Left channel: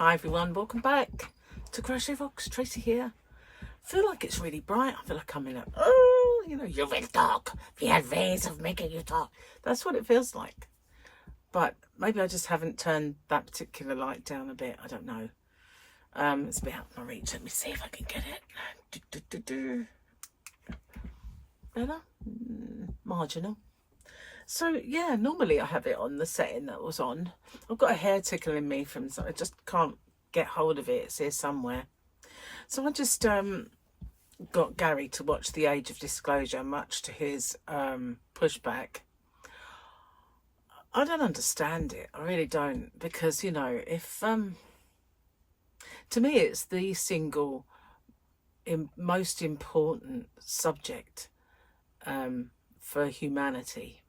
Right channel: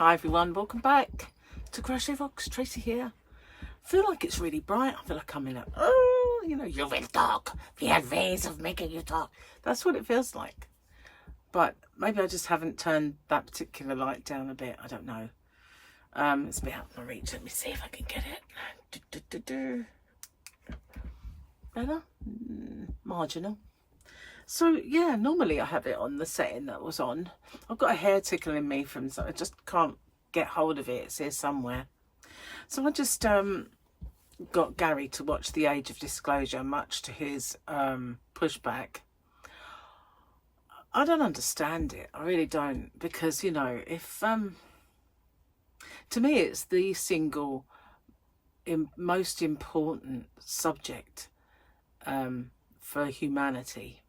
Hi everyone, welcome back to Crochet Rocks. Tracy here. I feel like it's really bright. I feel like I'm in a, you will talk. We have ways of making you talk. That's what it feels like. But maybe I just haven't turned that particular light down a bit. I don't know. It's a bit out of my reach. Let me see if I can get it. Better? Marginal. So yeah, normally I have it on the setting that was on. I've got a hair tickling me from, so I just can't get hold of it. It's here somewhere. So I just got Gary to watch The Age of Disclosure, much to his pushback. I don't understand it. I really don't, because if to me it's the single most important subject for humanity.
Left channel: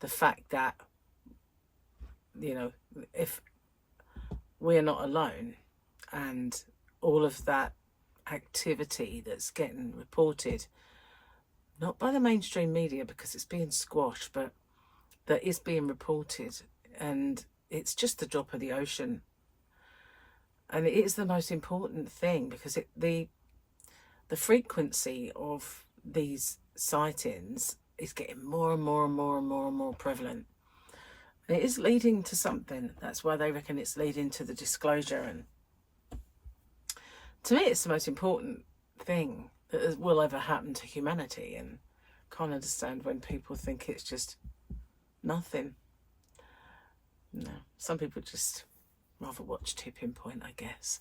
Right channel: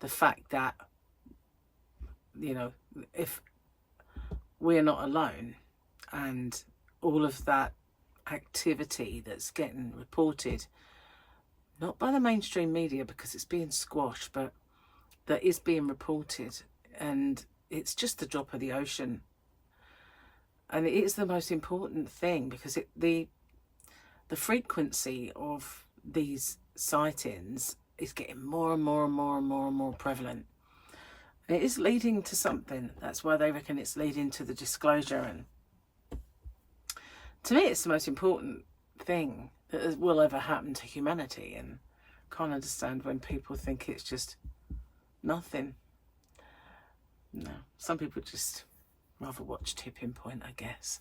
The fact that, if we're not alone and all of that activity that's getting reported, not by the mainstream media because it's being squashed, but that is being reported, and it's just the drop of the ocean. And it is the most important thing because the frequency of these sightings is getting more and more and more and more and more prevalent. And it is leading to something. That's why they reckon it's leading to the disclosure. And to me, it's the most important thing that will ever happen to humanity. And can't understand when people think it's just nothing. No, some people just rather watch Tipping Point, I guess.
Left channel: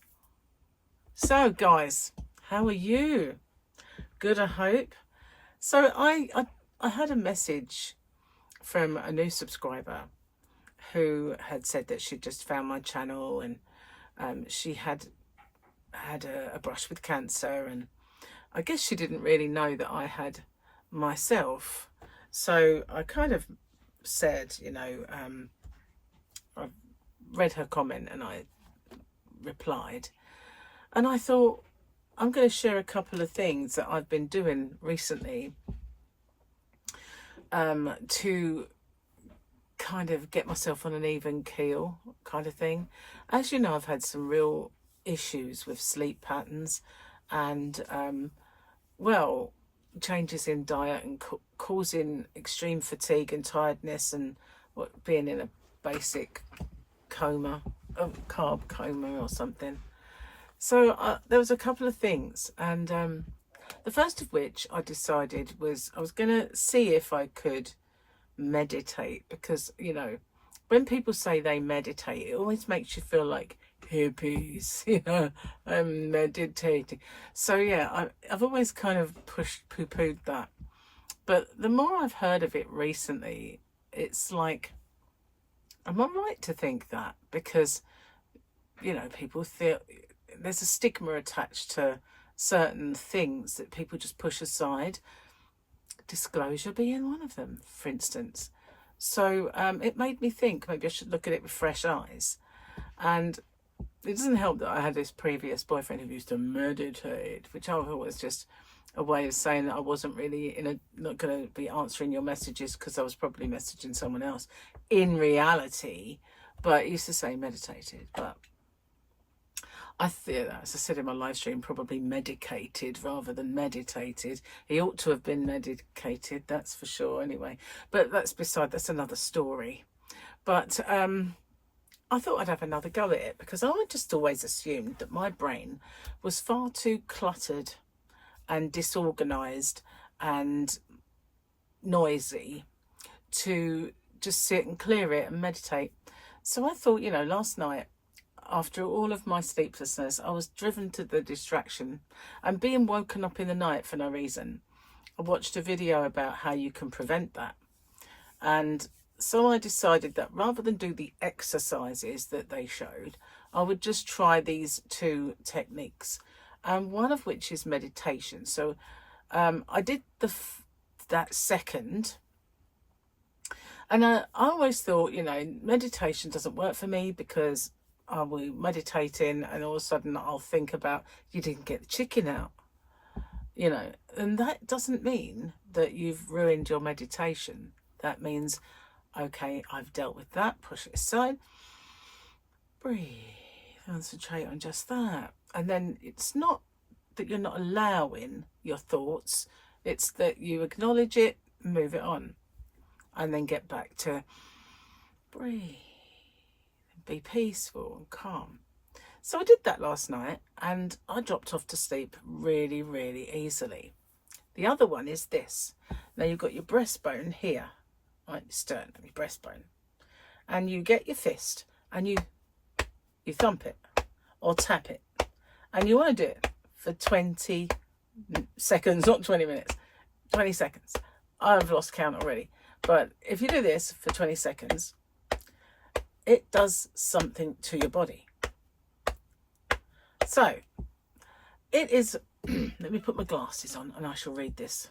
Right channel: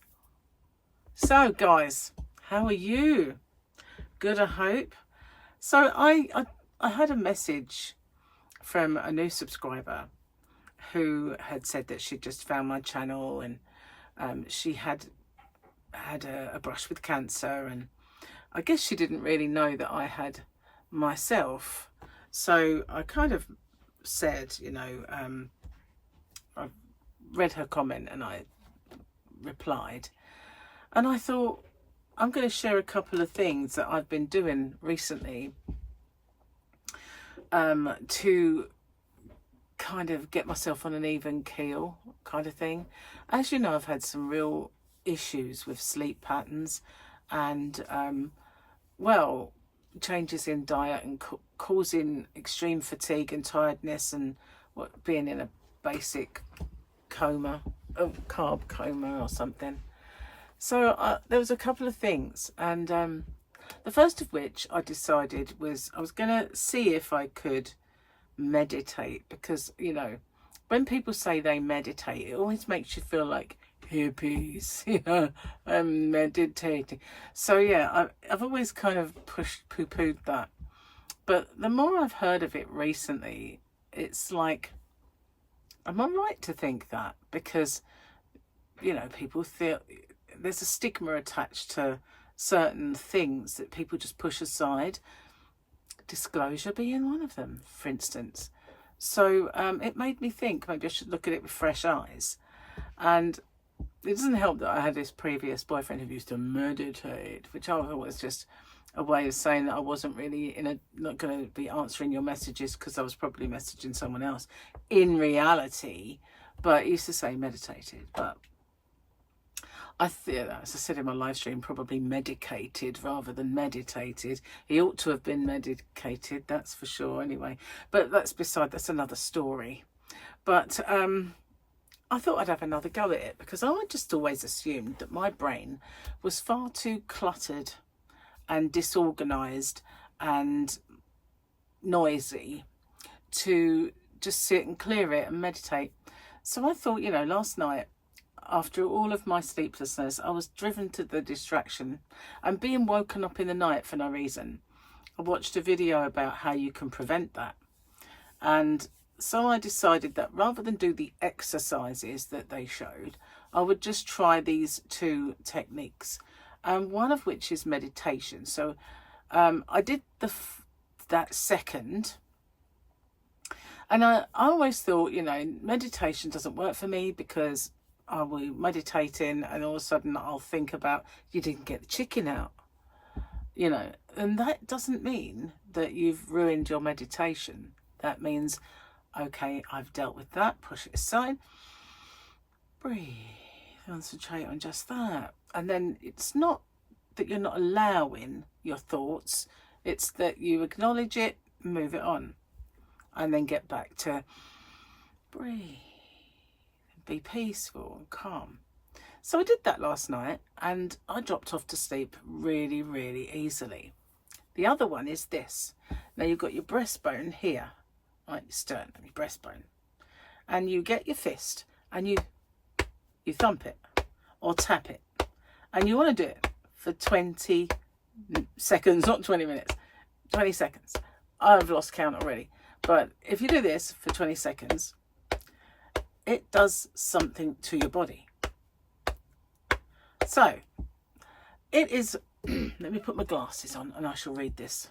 So, guys, how are you? Good, I hope. So I had a message from a new subscriber who had said that she'd just found my channel, and she had a brush with cancer, and I guess she didn't really know that I had myself. So I kind of said, I read her comment and I replied, and I thought I'm going to share a couple of things that I've been doing recently to kind of get myself on an even keel kind of thing. As you know, I've had some real issues with sleep patterns and changes in diet and causing extreme fatigue and tiredness, and being in a basic coma, a carb coma or something. So there was a couple of things, and the first of which I decided was I was going to see if I could meditate, because, when people say they meditate, it always makes you feel like hippies, I'm meditating. So yeah, I've always kind of poo-pooed that. But the more I've heard of it recently, it's like, am I right to think that? Because, people feel there's a stigma attached to certain things that people just push aside, disclosure being one of them, for instance. So it made me think maybe I should look at it with fresh eyes. And it doesn't help that I had this previous boyfriend who used to meditate, which I was just a way of saying that I wasn't really not going to be answering your messages because I was probably messaging someone else in reality. But he used to say meditated, but I feel, as I said in my live stream, probably medicated rather than meditated. He ought to have been medicated, that's for sure, anyway. But that's another story. But I thought I'd have another go at it, because I just always assumed that my brain was far too cluttered and disorganised and noisy to just sit and clear it and meditate. So I thought, last night, after all of my sleeplessness, I was driven to the distraction and being woken up in the night for no reason. I watched a video about how you can prevent that. And so I decided that rather than do the exercises that they showed, I would just try these two techniques, and one of which is meditation. So I did that second. And I always thought, meditation doesn't work for me because I'll be meditating and all of a sudden I'll think about, you didn't get the chicken out, and that doesn't mean that you've ruined your meditation. That means, okay, I've dealt with that, push it aside, breathe, Concentrate on just that. And then it's not that you're not allowing your thoughts, it's that you acknowledge it, move it on, and then get back to breathe, be peaceful and calm. So I did that last night and I dropped off to sleep really, really easily. The other one is this. Now you've got your breastbone here, right, your sternum, your breastbone, and you get your fist and you thump it or tap it, and you want to do it for 20 seconds, not 20 minutes, 20 seconds. I've lost count already, but if you do this for 20 seconds, it does something to your body. So it is, let me put my glasses on and I shall read this.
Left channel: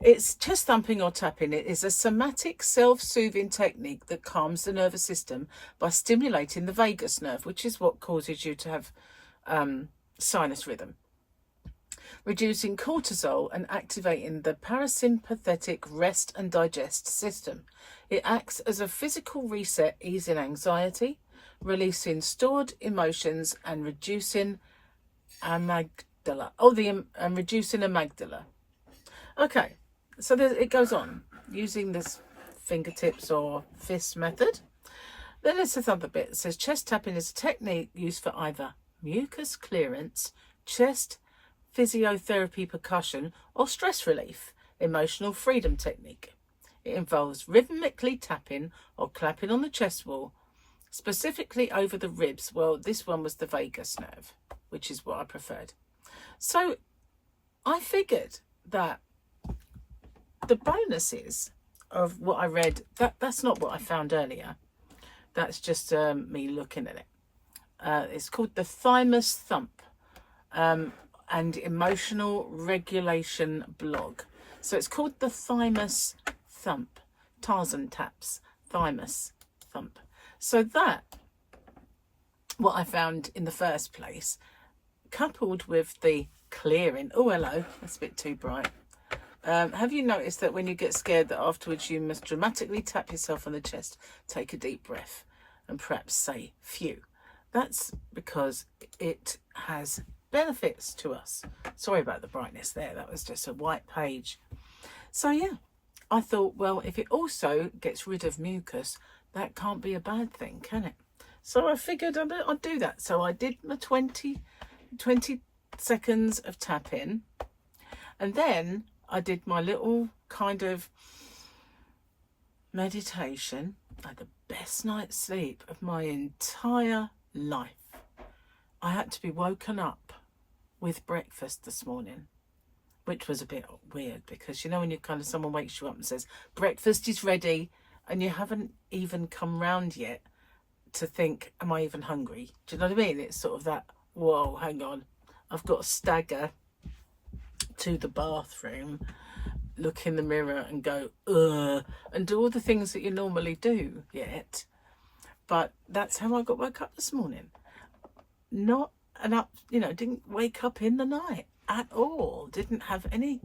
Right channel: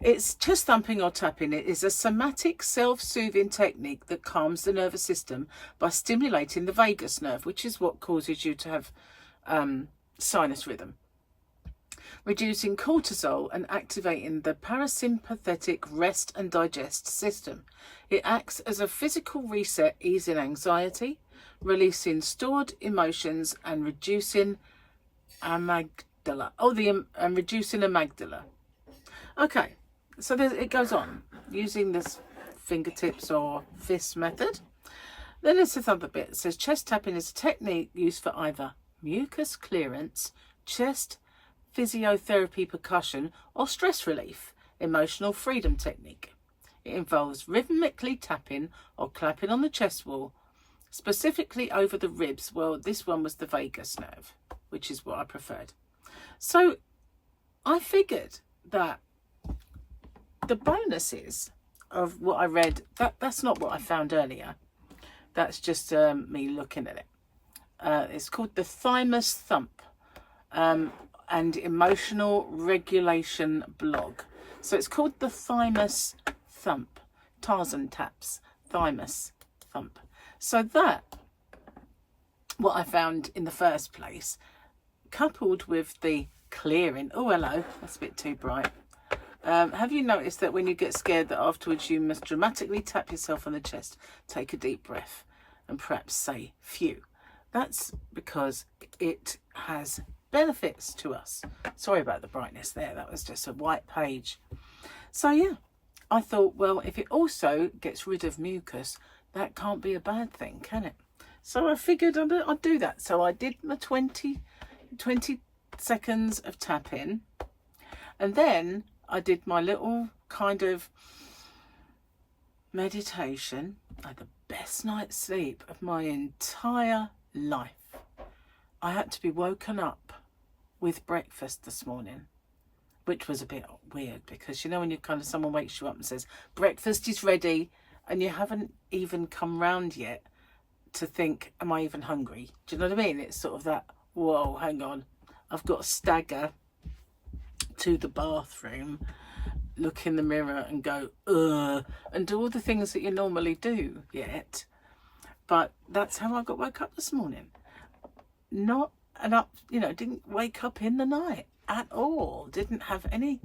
It's chest thumping or tapping. It is a somatic self-soothing technique that calms the nervous system by stimulating the vagus nerve, which is what causes you to have sinus rhythm, reducing cortisol and activating the parasympathetic rest and digest system. It acts as a physical reset, easing anxiety, releasing stored emotions and reducing amygdala. And reducing amygdala. Okay. So it goes on, using this fingertips or fist method. Then it's this other bit. It says chest tapping is a technique used for either mucus clearance, chest physiotherapy, percussion, or stress relief, emotional freedom technique. It involves rhythmically tapping or clapping on the chest wall, specifically over the ribs. Well, this one was the vagus nerve, which is what I preferred. So I figured that the bonuses of what I read, that's not what I found earlier. That's just me looking at it. It's called the Thymus Thump and Emotional Regulation Blog. So it's called the Thymus Thump. Tarzan taps, Thymus Thump. So that, what I found in the first place, coupled with the clearing. Oh, hello, that's a bit too bright. Have you noticed that when you get scared that afterwards you must dramatically tap yourself on the chest, take a deep breath and perhaps say phew? That's because it has benefits to us. Sorry about the brightness there, that was just a white page. So yeah, I thought, well, if it also gets rid of mucus, that can't be a bad thing, can it? So I figured I'd do that. So I did my 20 seconds of tapping, and then I did my little kind of meditation. I had the best night's sleep of my entire life. I had to be woken up with breakfast this morning, which was a bit weird because, you know, when you kind of, someone wakes you up and says, breakfast is ready, and you haven't even come round yet to think, am I even hungry? Do you know what I mean? It's sort of that, whoa, hang on. I've got to stagger to the bathroom, look in the mirror and go, ugh, and do all the things that you normally do yet. But that's how I got woke up this morning. Not an up, you know, didn't wake up in the night at all. Didn't have any.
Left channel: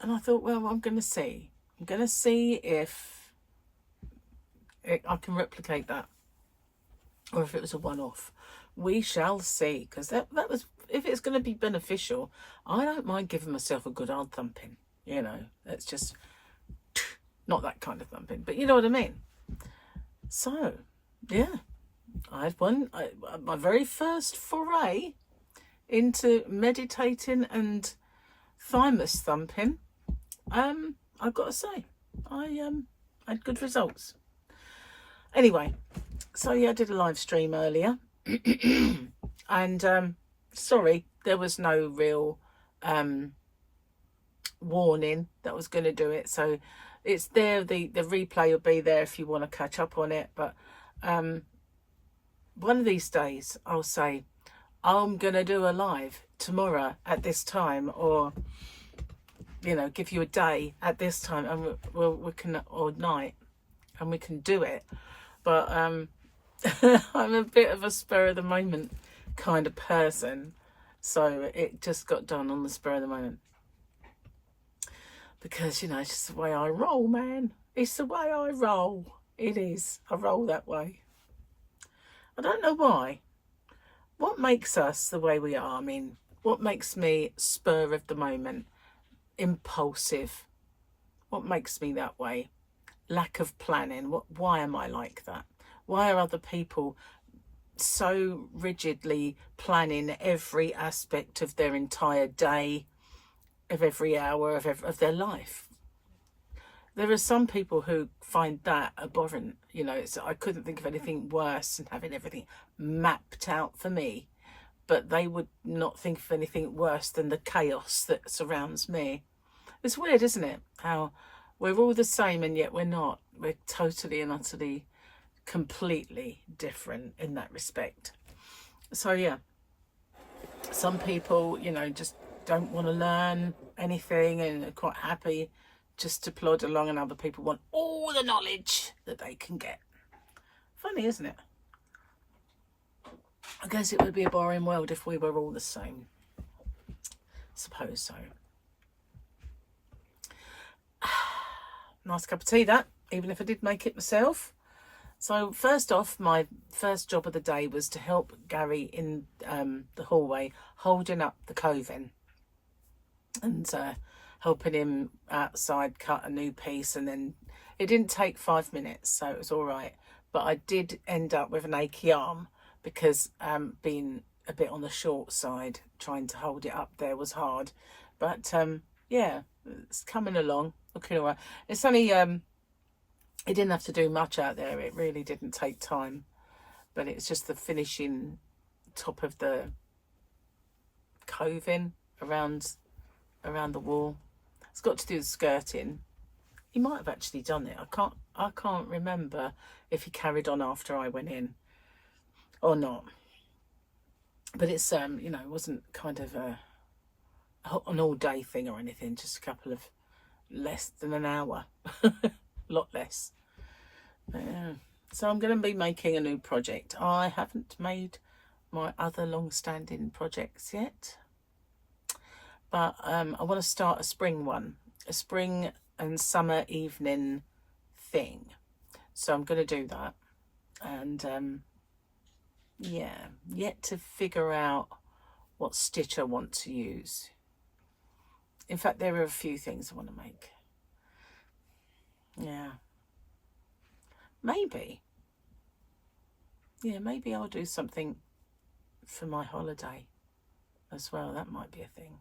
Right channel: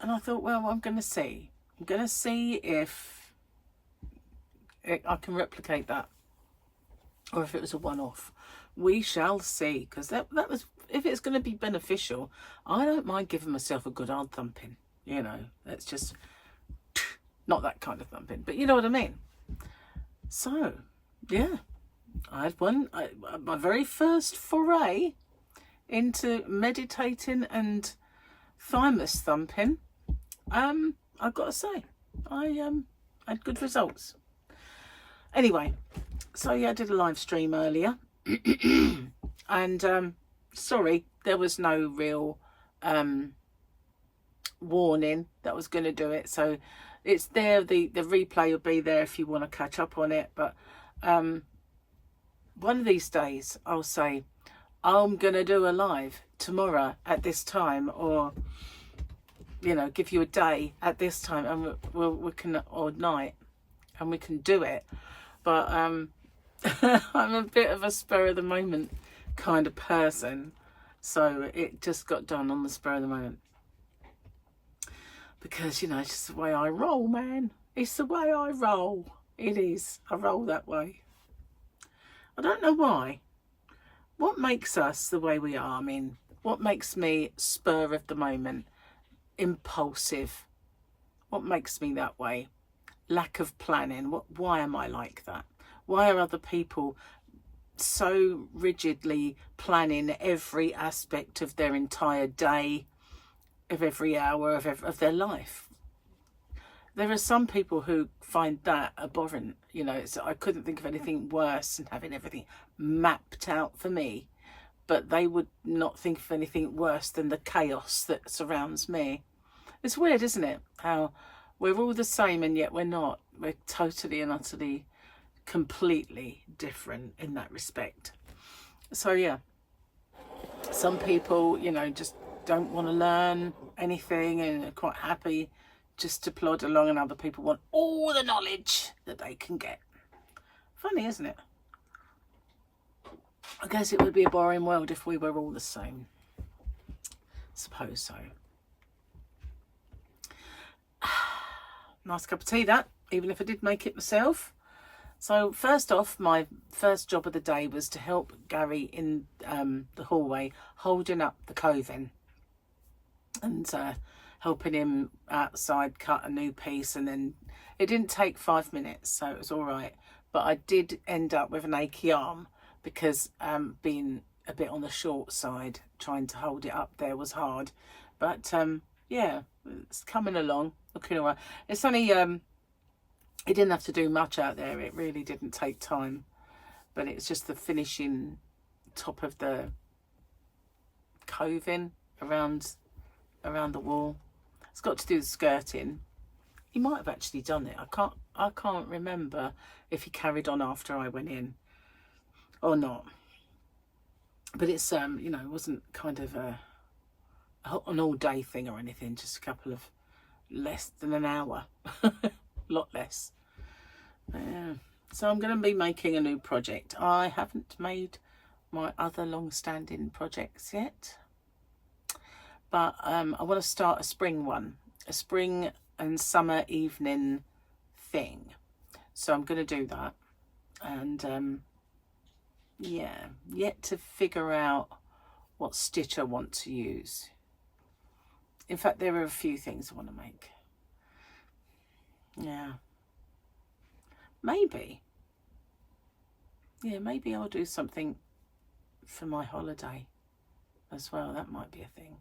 And I thought, well, I'm going to see. I'm going to see if I can replicate that, or if it was a one-off. We shall see, because that was, if it's going to be beneficial, I don't mind giving myself a good old thumping. You know, it's just not that kind of thumping, but you know what I mean. So yeah, I had my very first foray into meditating and thymus thumping. I've got to say, I had good results. Anyway, so yeah, I did a live stream earlier. And sorry, there was no real warning that I was going to do it, so it's there. The replay will be there if you want to catch up on it. But one of these days I'll say I'm going to do a live tomorrow at this time, or you know, give you a day at this time, and we can, or night, and we can do it. But I'm a bit of a spur of the moment kind of person, so it just got done on the spur of the moment, because, you know, it's just the way I roll, man. It's the way I roll. It is. I roll that way. I don't know why. What makes us the way we are? I mean, what makes me spur of the moment, impulsive? What makes me that way? Lack of planning. Why am I like that? Why are other people so rigidly planning every aspect of their entire day, of every hour of their life? There are some people who find that abhorrent. You know, I couldn't think of anything worse than having everything mapped out for me, but they would not think of anything worse than the chaos that surrounds me. It's weird, isn't it? How we're all the same and yet we're not. We're totally and utterly, completely different in that respect. So yeah, some people, you know, just don't want to learn anything and are quite happy just to plod along, and other people want all the knowledge that they can get. Funny, isn't it? I guess it would be a boring world if we were all the same. Suppose so. Nice cup of tea, that, even if I did make it myself. So first off, my first job of the day was to help Gary in the hallway, holding up the coving and helping him outside cut a new piece. And then it didn't take 5 minutes, so it was all right. But I did end up with an achy arm because being a bit on the short side, trying to hold it up there was hard. But yeah, it's coming along, looking all right. It's only, it didn't have to do much out there. It really didn't take time. But it's just the finishing top of the coving around the wall. It's got to do the skirting. He might have actually done it. I can't remember if he carried on after I went in or not. But it's you know, it wasn't kind of an all day thing or anything, just a couple of less than an hour. A lot less. Yeah. So I'm going to be making a new project. I haven't made my other long-standing projects yet. But I want to start a spring one, a spring and summer evening thing. So I'm going to do that. And yeah, yet to figure out what stitch I want to use. In fact, there are a few things I want to make. Yeah. Maybe. Yeah, maybe I'll do something for my holiday as well. That might be a thing.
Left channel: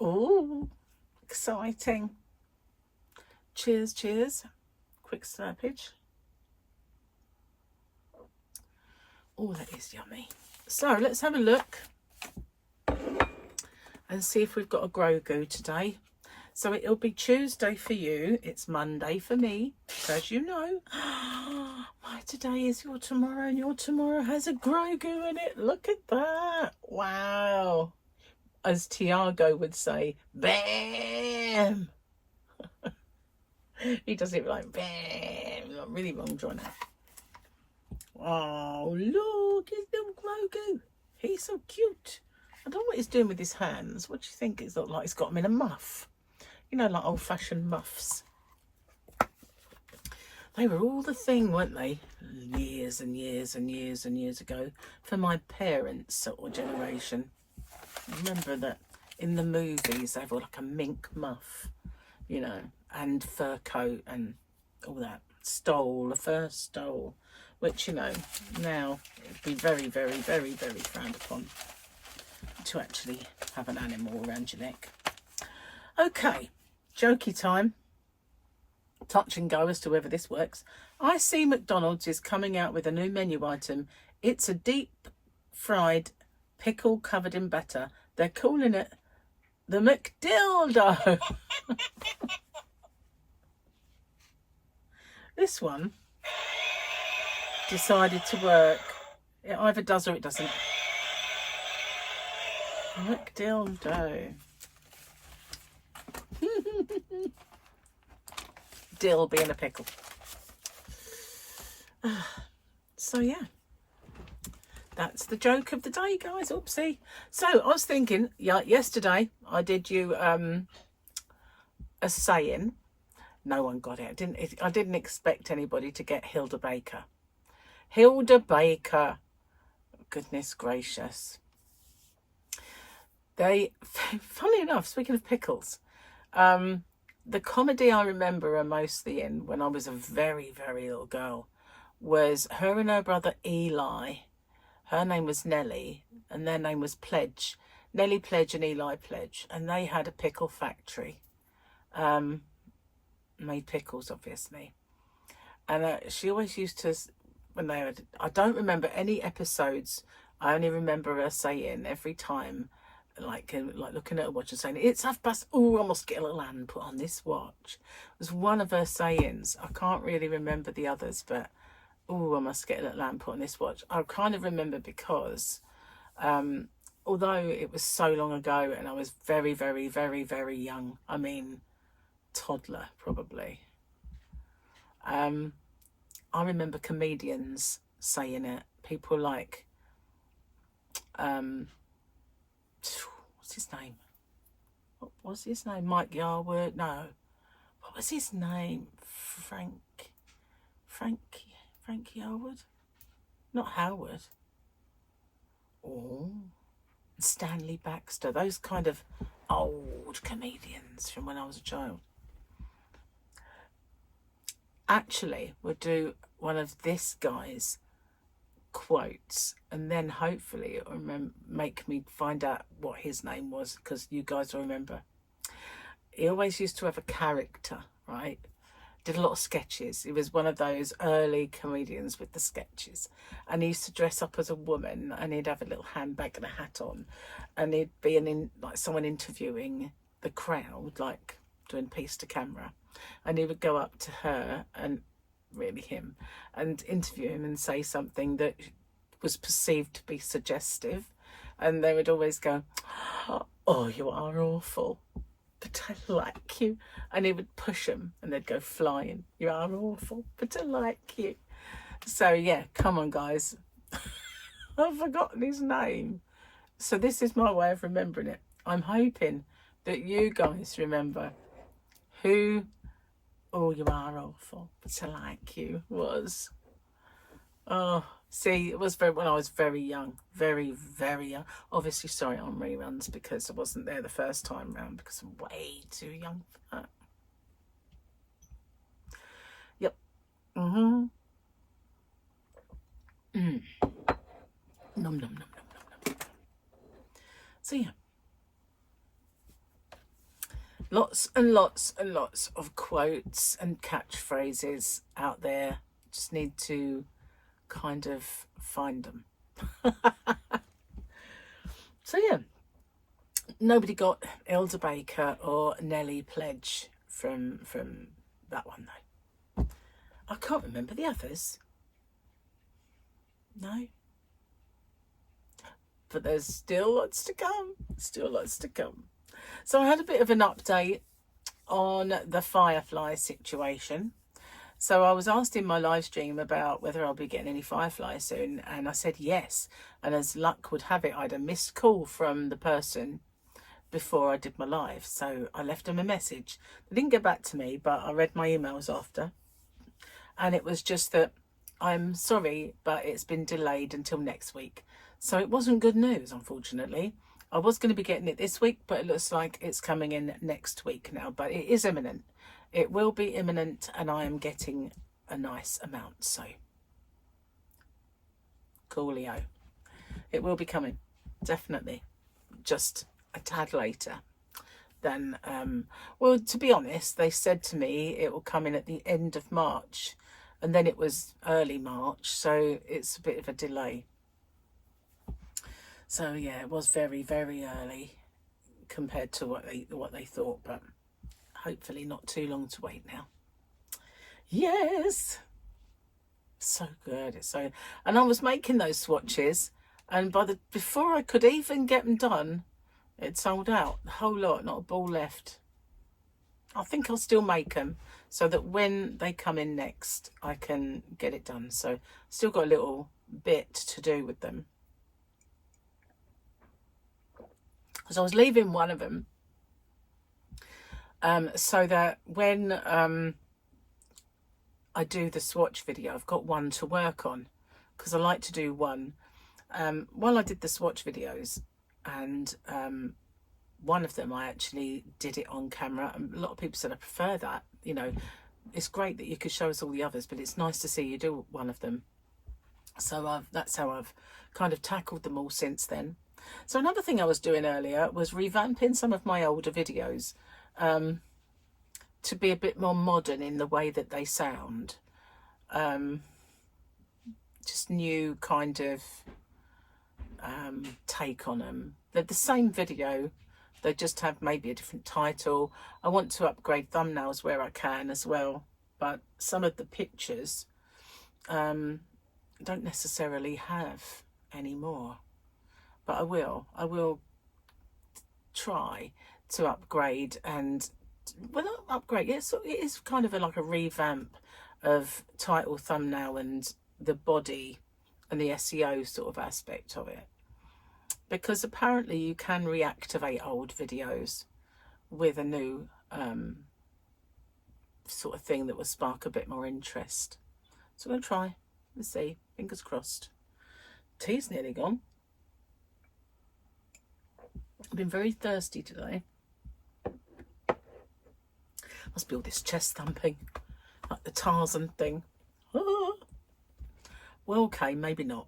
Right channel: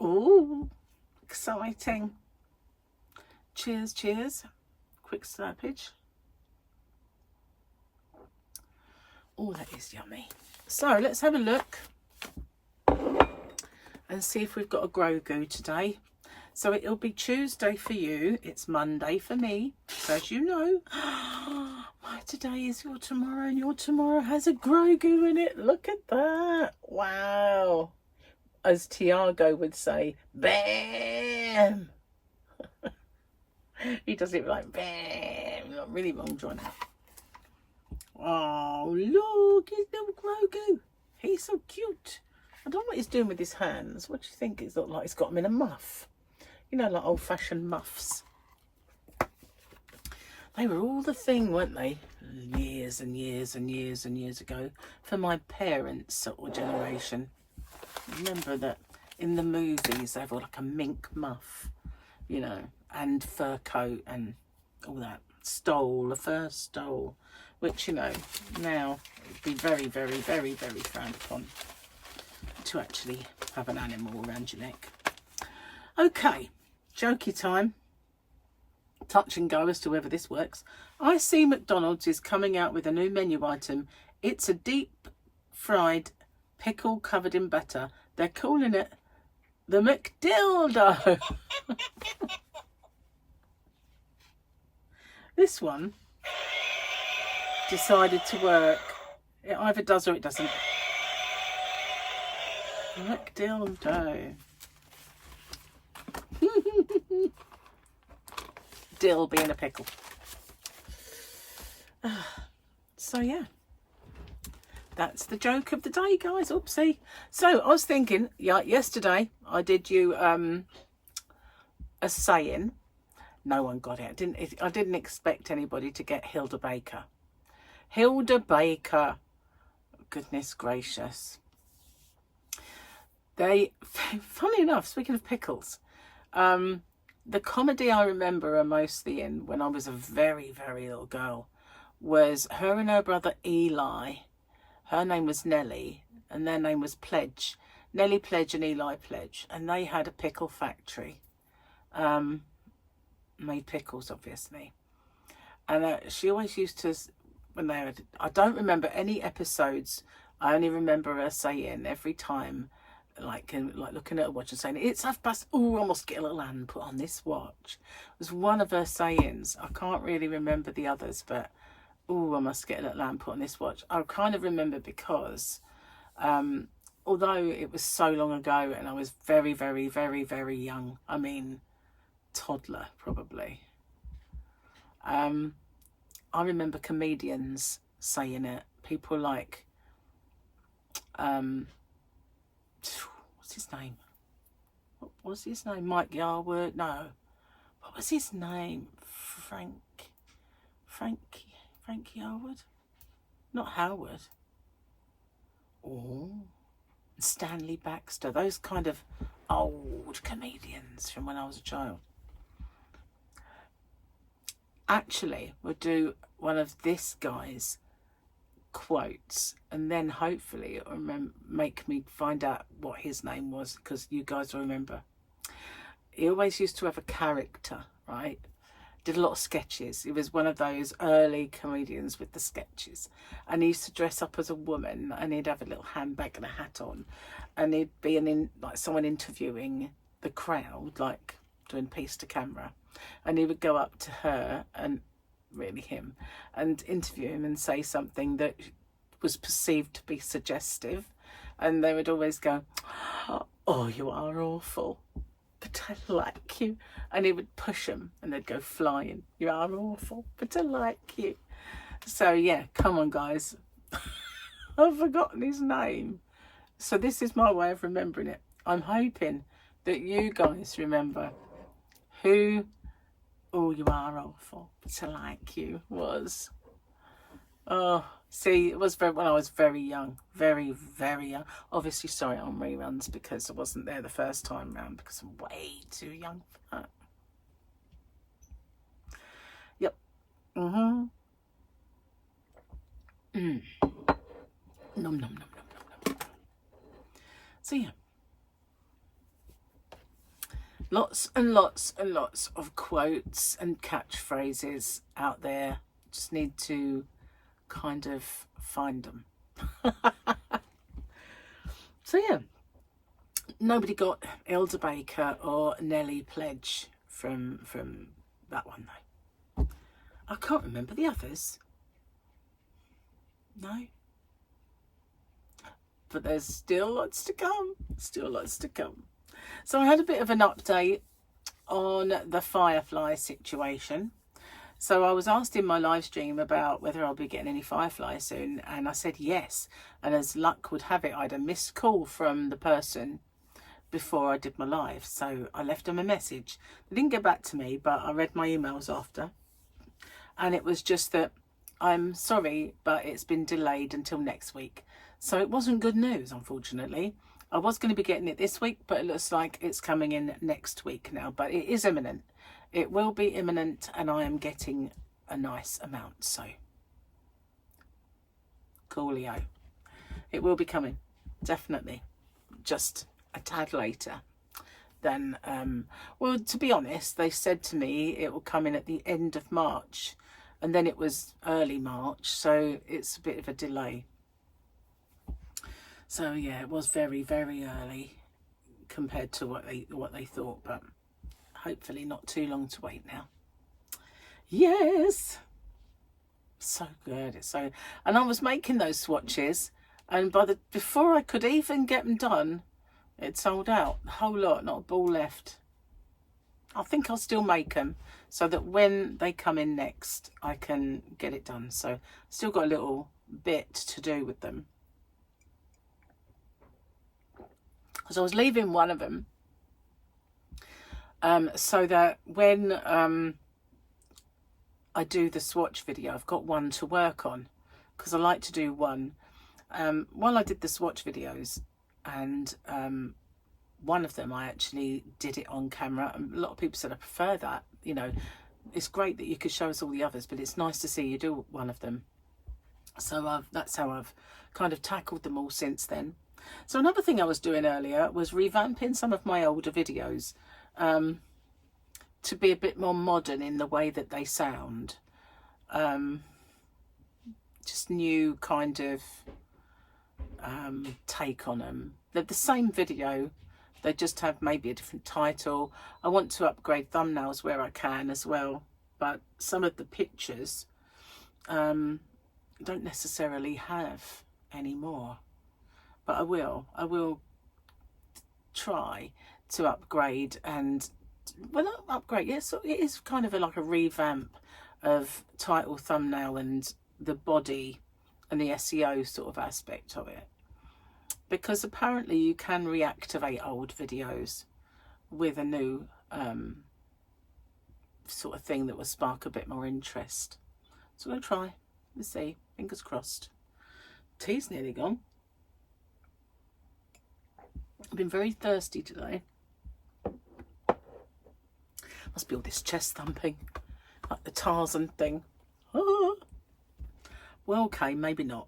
Ooh, exciting. Cheers, cheers. Quick slurpage. Oh, that is yummy. So let's have a look and see if we've got a Grogu today. So it'll be Tuesday for you. It's Monday for me. So as you know, my today is your tomorrow, and your tomorrow has a Grogu in it. Look at that. Wow. As Tiago would say, bam. He does it like bam. Got really long drawn out. Oh, look, his little Grogu. He's so cute. I don't know what he's doing with his hands. What do you think? It's looked like he's got him in a muff. You know, like old-fashioned muffs. They were all the thing, weren't they? Years and years and years and years ago. For my parents' sort of generation. I remember that in the movies they have like a mink muff, you know, and fur coat and all that. Stole, a fur stole, which, you know, now it would be very, very, very, very frowned upon to actually have an animal around your neck. Okay, jokey time. Touch and go as to whether this works. I see McDonald's is coming out with a new menu item. It's a deep fried pickle covered in batter. They're calling it the McDildo. This one decided to work. It either does or it doesn't. McDildo. Dill being a pickle. So yeah, that's the joke of the day, guys. Oopsie. So I was thinking, yeah, yesterday I did you a saying. No one got it. I didn't expect anybody to get Hilda Baker. Hilda Baker. Goodness gracious. They, funny enough, speaking of pickles, the comedy I remember her mostly in when I was a very, very little girl was her and her brother Eli. Her name was Nellie and their name was Pledge. Nellie Pledge and Eli Pledge. And they had a pickle factory. Made pickles, obviously. And she always used to, when they had, I don't remember any episodes. I only remember her saying every time, like looking at a watch and saying, it's 1:30. Oh, I must get a little hand put on this watch. It was one of her sayings. I can't really remember the others, but oh, I must get a little hand put on this watch. I kind of remember because although it was so long ago and I was very, very, very, very young, I mean toddler probably, I remember comedians saying it. People like what's his name? What was his name? Mike Yarwood? No. What was his name? Frank Yarwood? Not Howard. Oh, Stanley Baxter. Those kind of old comedians from when I was a child. Actually, we'll do one of this guy's quotes and then hopefully it'll make me find out what his name was, because you guys will remember. He always used to have a character, right? Did a lot of sketches. He was one of those early comedians with the sketches, and he used to dress up as a woman and he'd have a little handbag and a hat on, and he'd be like someone interviewing the crowd, like doing piece to camera, and he would go up to her, and really him, and interview him and say something that was perceived to be suggestive, and they would always go, oh, you are awful, but I like you, and he would push them and they'd go flying. You are awful, but I like you. So yeah, come on guys. I've forgotten his name, so this is my way of remembering it. I'm hoping that you guys remember who "Oh, you are awful, but I like you" was. Oh, see, it was when I was very young, very, very young. Obviously, sorry on reruns because I wasn't there the first time round because I'm way too young for that. Yep. Nom nom nom nom nom nom. So yeah. Lots and lots and lots of quotes and catchphrases out there. Just need to kind of find them. So yeah, nobody got Hilda Baker or Nellie Pledge from that one though. I can't remember the others. No. But there's still lots to come. Still lots to come. So I had a bit of an update on the firefly situation. So I was asked in my live stream about whether I'll be getting any fireflies soon, and I said yes. And as luck would have it, I had a missed call from the person before I did my live. So I left them a message. They didn't get back to me, but I read my emails after. And it was just that, I'm sorry, but it's been delayed until next week. So it wasn't good news, unfortunately. I was going to be getting it this week, but it looks like it's coming in next week now. But it is imminent. It will be imminent, and I am getting a nice amount. So, coolio. It will be coming, definitely. Just a tad later than, well, to be honest, they said to me it will come in at the end of March. And then it was early March, so it's a bit of a delay. So yeah, it was very, very early compared to what they thought, but hopefully not too long to wait now. Yes, so good. It's so, and I was making those swatches, and before I could even get them done, it sold out, the whole lot, not a ball left. I think I'll still make them so that when they come in next, I can get it done. So still got a little bit to do with them. So I was leaving one of them so that when I do the swatch video, I've got one to work on. because I like to do one. While I did the swatch videos, and one of them I actually did it on camera, and a lot of people said I prefer that. You know, it's great that you could show us all the others, but it's nice to see you do one of them. So that's how I've kind of tackled them all since then. So another thing I was doing earlier was revamping some of my older videos to be a bit more modern in the way that they sound. Just new kind of take on them. They're the same video, they just have maybe a different title. I want to upgrade thumbnails where I can as well, but some of the pictures don't necessarily have anymore, but I will try to upgrade. And well, not upgrade, yes, it is kind of like a revamp of title, thumbnail, and the body and the SEO sort of aspect of it, because apparently you can reactivate old videos with a new sort of thing that will spark a bit more interest. So I'm going to try. Let's see, fingers crossed. Tea's nearly gone. I've been very thirsty today. Must be all this chest thumping, like the Tarzan thing. Ah. Well, okay, maybe not,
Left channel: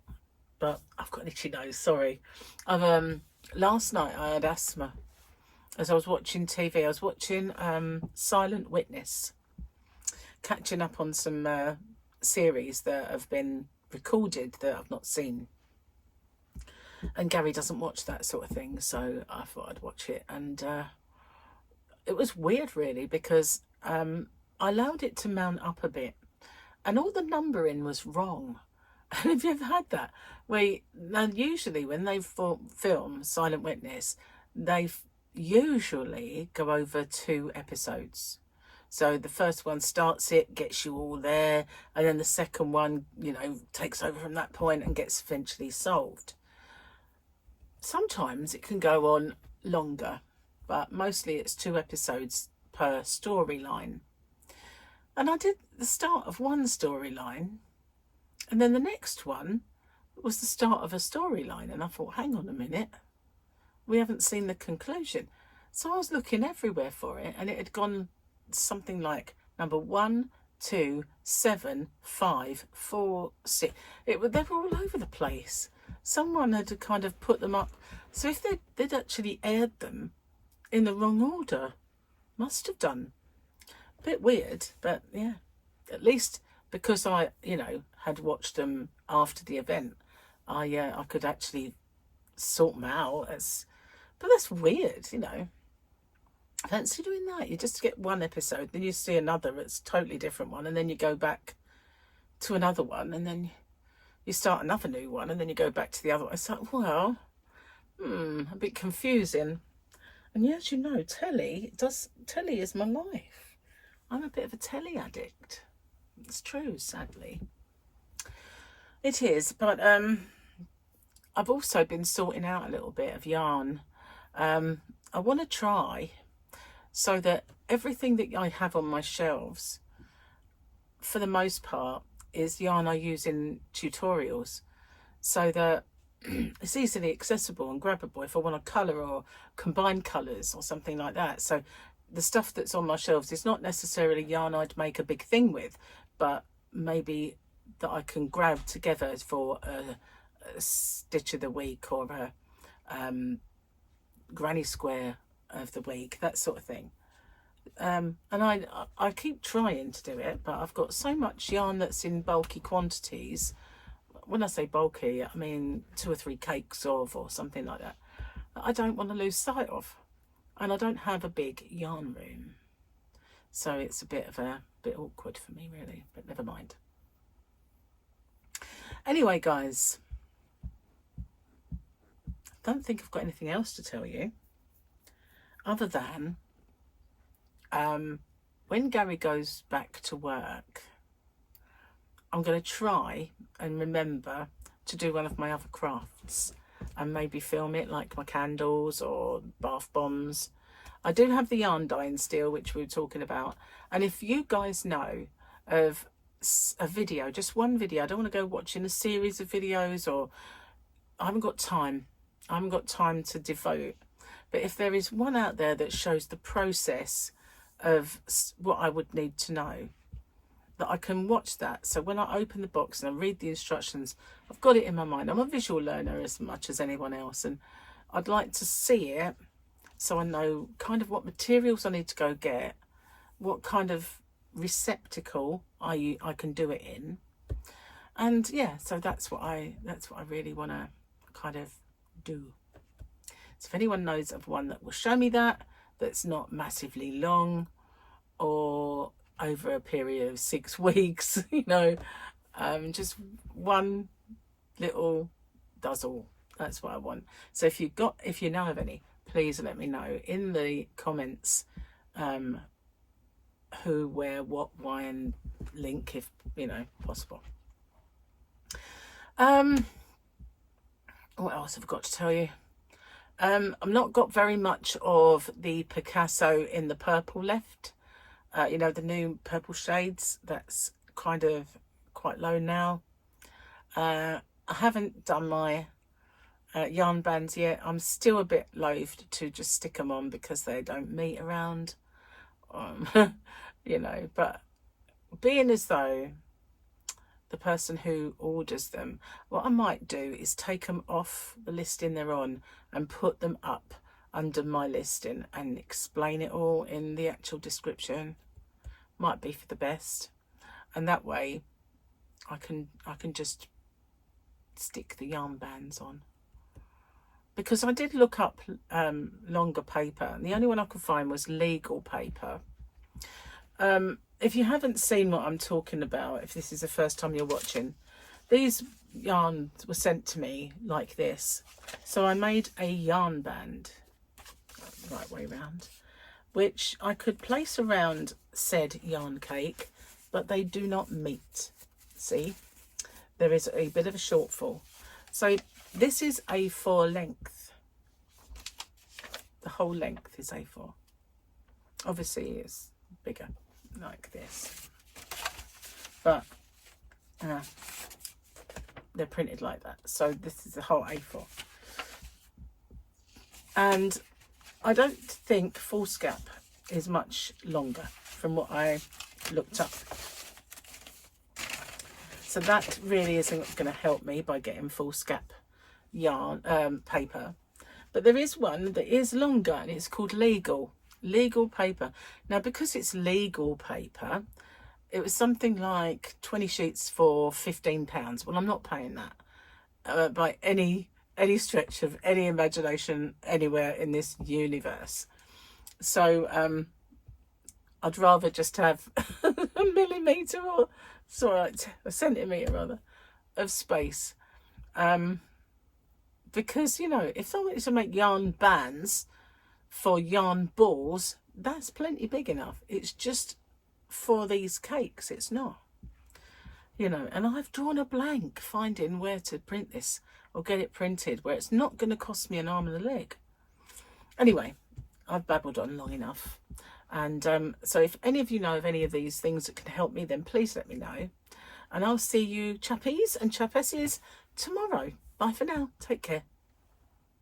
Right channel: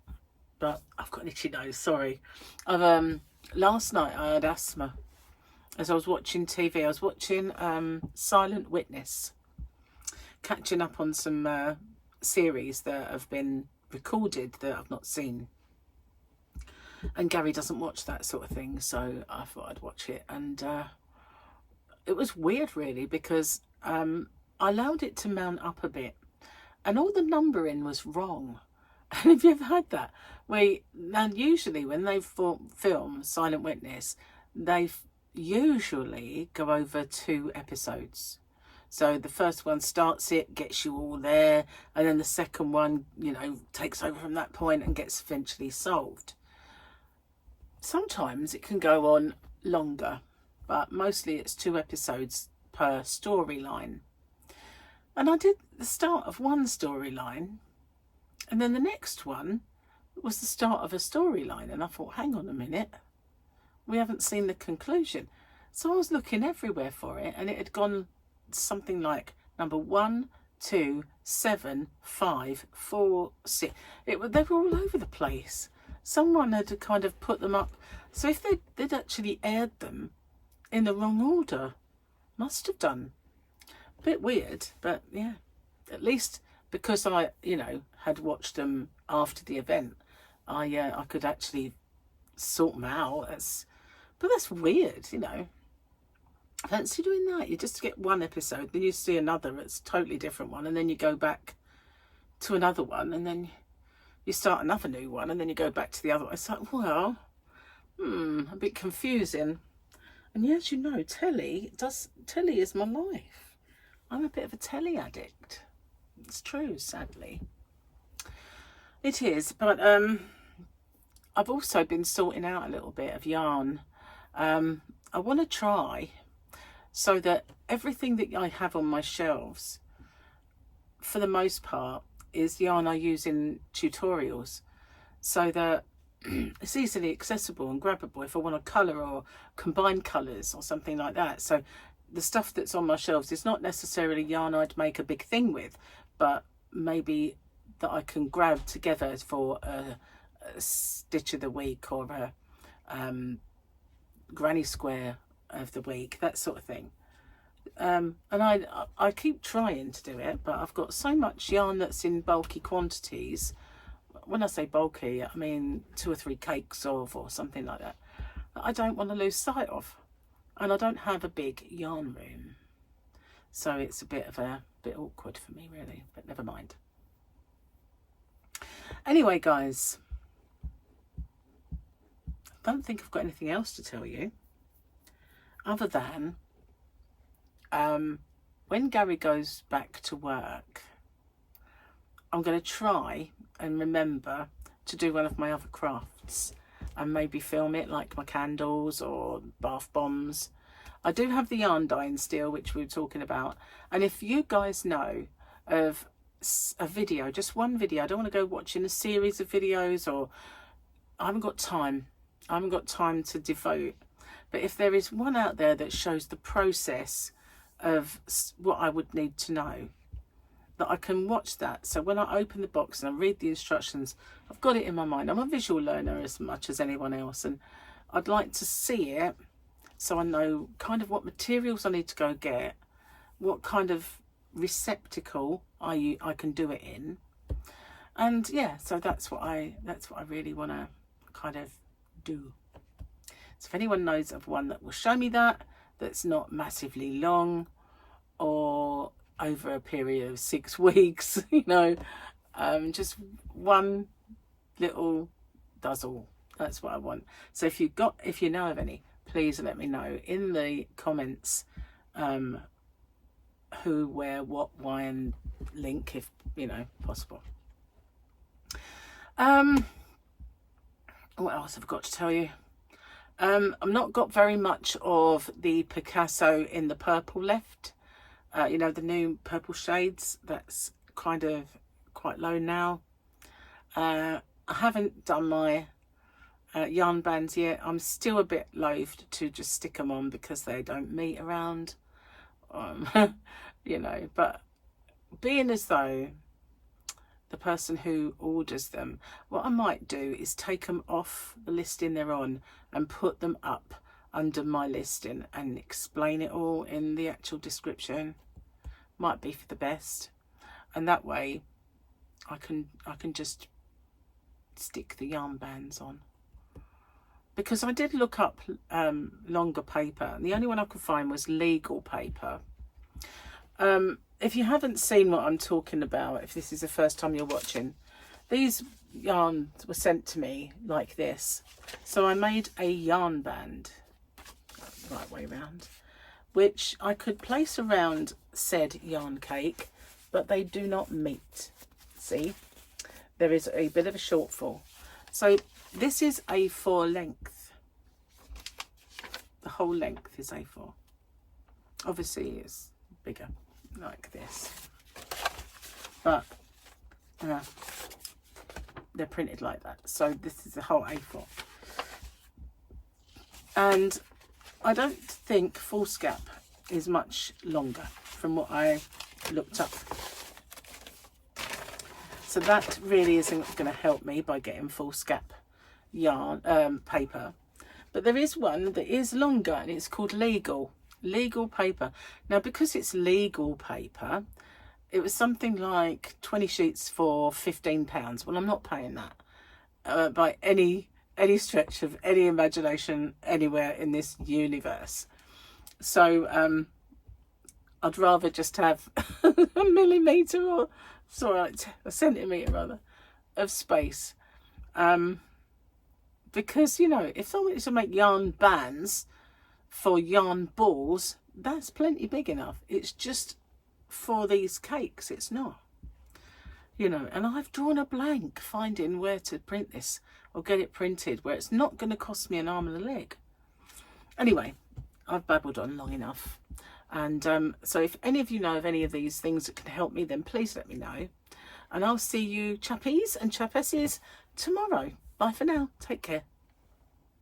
but I've got an itchy nose, sorry. Last night I had asthma as I was watching TV. I was watching Silent Witness, catching up on some series that have been recorded that I've not seen. And Gary doesn't watch that sort of thing, so I thought I'd watch it. And it was weird, really, because I allowed it to mount up a bit, and all the numbering was wrong. And have you ever had that? Now usually when they film Silent Witness, they usually go over 2 episodes. So the first one starts it, gets you all there, and then the second one, you know, takes over from that point and gets eventually solved. Sometimes it can go on longer, but mostly it's 2 episodes per storyline. And I did the start of one storyline, and then the next one was the start of a storyline, and I thought, hang on a minute, we haven't seen the conclusion. So I was looking everywhere for it, and it had gone something like number 1, 2, 7, 5, 4, 6. They were all over the place. Someone had kind of put them up. So if they'd actually aired them in the wrong order, must have done. A bit weird, but yeah, at least because I, you know, had watched them after the event, I could actually sort them out. But that's weird, you know. I fancy doing that. You just get one episode, then you see another, it's a totally different one, and then you go back to another one, and then you start another new one, and then you go back to the other one. It's like, well, a bit confusing. And yeah, as you know, telly is my life. I'm a bit of a telly addict. It's true, sadly. It is, but I've also been sorting out a little bit of yarn. I want to try so that everything that I have on my shelves, for the most part, is yarn I use in tutorials, so that it's easily accessible and grabbable if I want to colour or combine colours or something like that. So the stuff that's on my shelves is not necessarily yarn I'd make a big thing with, but maybe that I can grab together for a stitch of the week or a granny square of the week, that sort of thing. And I keep trying to do it, but I've got so much yarn that's in bulky quantities. When I say bulky, I mean 2 or 3 cakes of, or something like that, I don't want to lose sight of. And I don't have a big yarn room, so it's a bit awkward for me, really, but never mind. Anyway, guys, I don't think I've got anything else to tell you other than when Gary goes back to work, I'm going to try and remember to do one of my other crafts and maybe film it, like my candles or bath bombs. I do have the yarn dyeing steel, which we were talking about, and if you guys know of a video, just one video. I don't want to go watching a series of videos, or I haven't got time. I haven't got time to devote. But if there is one out there that shows the process of what I would need to know, that I can watch that. So when I open the box and I read the instructions, I've got it in my mind. I'm a visual learner as much as anyone else, and I'd like to see it so I know kind of what materials I need to go get, what kind of receptacle I can do it in. And yeah, so that's what I really want to kind of do. So if anyone knows of one that will show me that, that's not massively long or over a period of 6 weeks, you know, just one little does all. That's what I want. So if you know of any, please let me know in the comments, who, where, what, why, and link if, you know, possible. What else have I got to tell you? I've not got very much of the Picasso in the purple left. You know, the new purple shades, that's kind of quite low now. I haven't done my yarn bands yet. I'm still a bit loath to just stick them on because they don't meet around. You know, but being as though the person who orders them, what I might do is take them off the listing they're on and put them up under my listing and explain it all in the actual description. Might be for the best, and that way I can just stick the yarn bands on, because I did look up longer paper, and the only one I could find was legal paper. If you haven't seen what I'm talking about, if this is the first time you're watching, these yarns were sent to me like this. So I made a yarn band, right way round, which I could place around said yarn cake, but they do not meet. See, there is a bit of a shortfall. So this is A4 length. The whole length is A4. Obviously it's bigger like this, but they're printed like that. So this is the whole A4, and I don't think foolscap is much longer from what I looked up. So that really isn't going to help me by getting foolscap yarn paper. But there is one that is longer, and it's called legal paper. Now, because it's legal paper, it was something like 20 sheets for £15. Well, I'm not paying that by any stretch of any imagination anywhere in this universe. So I'd rather just have a millimetre, or sorry, a centimetre rather, of space, because, you know, if someone is to make yarn bands for yarn balls, that's plenty big enough. It's just for these cakes, it's not, you know. And I've drawn a blank finding where to print this or get it printed where it's not going to cost me an arm and a leg. Anyway, I've babbled on long enough, and so if any of you know of any of these things that can help me, then please let me know, and I'll see you chappies and chappesses tomorrow. Bye for now. Take care.